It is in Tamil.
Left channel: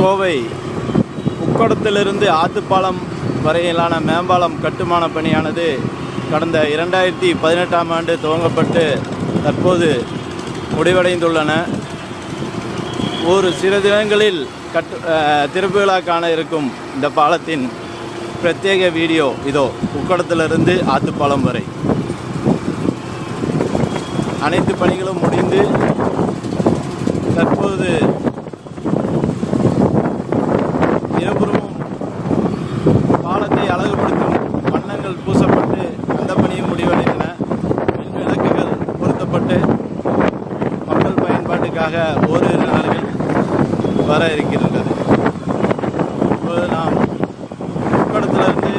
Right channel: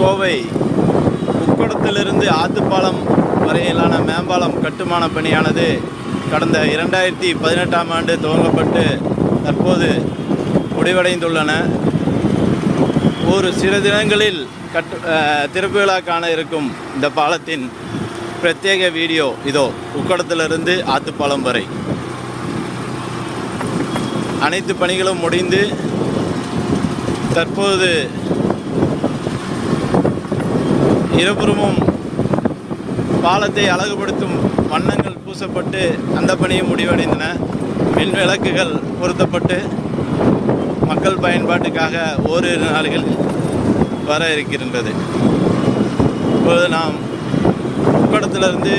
கோவை உக்கடத்திலிருந்து ஆத்துப்பாலம் வரையிலான மேம்பாலம் கட்டுமான பணியானது கடந்த 2018ஆம் ஆண்டு துவங்கப்பட்டு தற்போது முடிவடைந்துள்ளன. ஒரு சில தினங்களில் திறப்பு விழா காண இருக்கும் இந்த பாலத்தின் பிரத்யேக வீடியோ இதோ. உக்கடத்திலிருந்து ஆத்துப்பாலம் வரை அனைத்து பணிகளும் முடிந்து தற்போது இருபுறமும் பாலத்தை அழகுபடுத்தும் வண்ணங்கள் பூசப்பட்டு அந்த பணியும் முடிவடைந்தன. மின் விளக்குகள் பொருத்தப்பட்டு மக்கள் பயன்பாட்டுக்காக ஓரிரு நாள்களில் வர இருக்கின்றது. இப்போது நாம் உக்கடத்திலிருந்து